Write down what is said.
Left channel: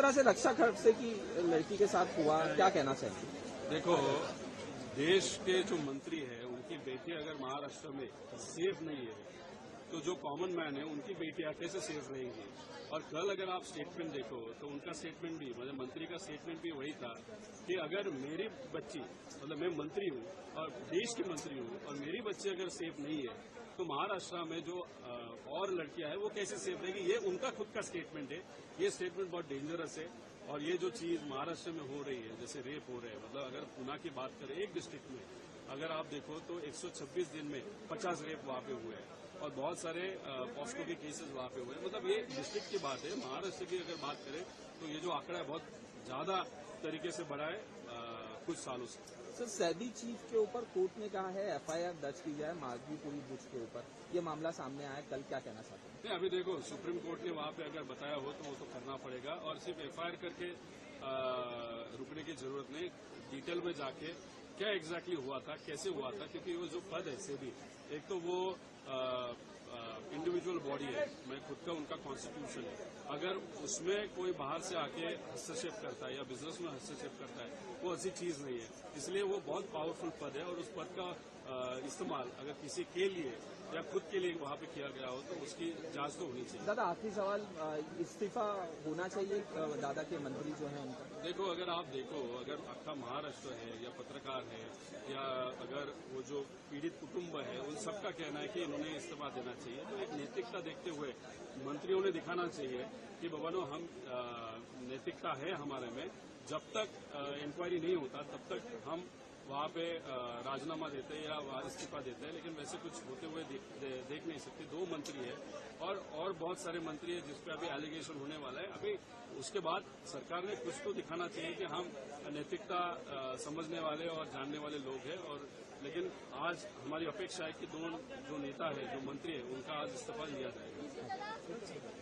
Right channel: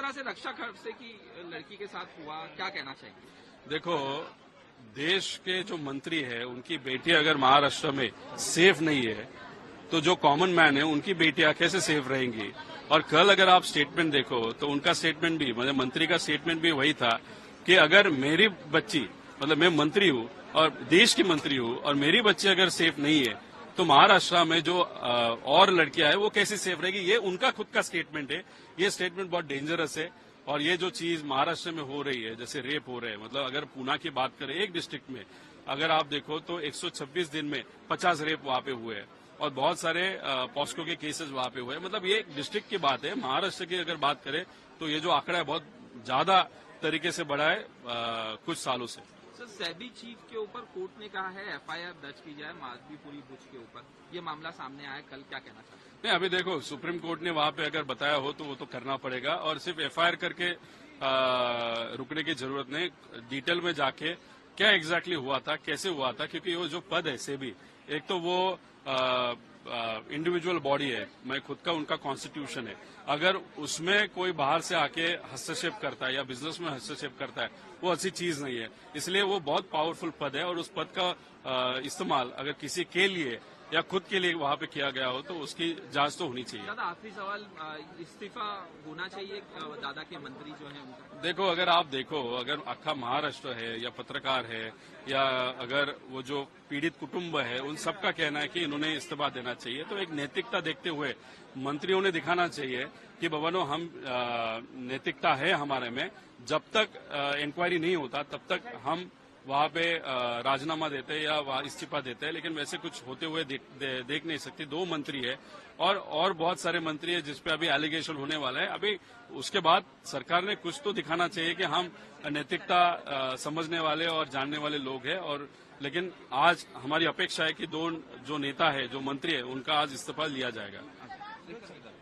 तरह से रक्षा खड़से की लड़की के साथ हुआ, क्या कहना चाहिए? देखो, देश के जो मंत्री है उनकी बेटी अगर महाराष्ट्र में सेफ नहीं है तो जो कॉमन मैन है उनकी बेटियां कैसे सेफ रहेंगी? और कल अगर आप स्टेटमेंट देखो तो उनका स्टेटमेंट भी, मतलब मंत्री का स्टेटमेंट भी वही था कि अगर मेरी बच्ची, मतलब मैं मंत्री हूं और देश की मंत्री हूं और मेरी बच्ची अगर सेफ नहीं है तो महाराष्ट्र में जो और लड़कियां हैं वो कैसे सेफ रहेगी? ये उनका खुद का स्टेटमेंट है। ये स्टेटमेंट बहुत डेंजरस है। और ये जो चीज महाराष्ट्र में हो रही है, जैसे रेप हो रहे हैं, मतलब अगर पूना की बात करें, एक डिस्ट्रिक्ट में अगर आप देखो तो 126 दिन में 50 रेप वहां पे हुए हैं और बहुत सारे पॉस्को के केसेस वहां पे हुए। मतलब ये एक डिस्ट्रिक्ट की बात है। महाराष्ट्र की अगर बात करें तो ये जो आंकड़ा है बहुत ज्यादा तरीके से बढ़ा है कुछ सालों से। सर, सेबी चीफ के ऊपर कोर्ट ने कहा है एफआईआर दर्ज की जाए माधवीपुरी बुच के ऊपर। ये मामला सामने आया, कल क्या कहना चाहते हैं? नहीं, अभी देखो, सुप्रीम कोर्ट ने वहां पे अगर बताया हो तो वो तो करना पड़ेगा और सिर्फ एफआईआर करके रुकने की जरूरत नहीं। डिटेल में जाके क्या एग्जैक्टली हुआ था, कैसे हुआ था, क्योंकि वो जो पद है सेबी, एक तो वो इंडिविजुअल बॉडी है, मैं खुद का उनका कॉन्स्टिट्यूशन है। अगर उसमें कोई बाहर से आके हस्तक्षेप करता है या बिजनेस में हस्तक्षेप करता है, वो अच्छी चीज नहीं है। इसलिए वो बहुत पावरफुल पद है और उस पद का इस्तेमाल अगर किसी के लिए या खुद के लिए वहां पे किया गया हो तो उसकी जांच तो होनी चाहिए। दादा, आखिरी सवाल, इस्तीफा होना चाहिए दादा के मंत्री जो हैं उनका? देखो, अगर आप देखो, अगर आखा महाराष्ट्र है या पत्रकार है या अगर वो जो पीड़ित कुटुंब है, उन सबका कहना है कि इन्होंने इस्तीफा देना चाहिए, तो एक नैतिकता देखते हुए मंत्रियों ने दिखाना चाहिए कि बबनो, हम नैतिकता है हमारे में, जब तक इंक्वायरी नहीं होता तब तक हम वहां पे राजीनामा देते हैं या वहां इस्तीफा देते हैं। लेकिन वैसे कुछ होते हुए देख नहीं सकती। 2 मंत्री है और बहुत सारे मंत्री है जिसपे अभी एलिगेशन होने वाला है। अभी उसके बाद सरकार ने कुछ तो दिखाना चाहिए कि हम नैतिकता समझने वाले और जानने वाले लोग हैं। और लेकिन आज हमारी अपेक्षा है कि 2 जो नेता है, जो मंत्री है, उनका आज इस्तीफा लिया जाएगा।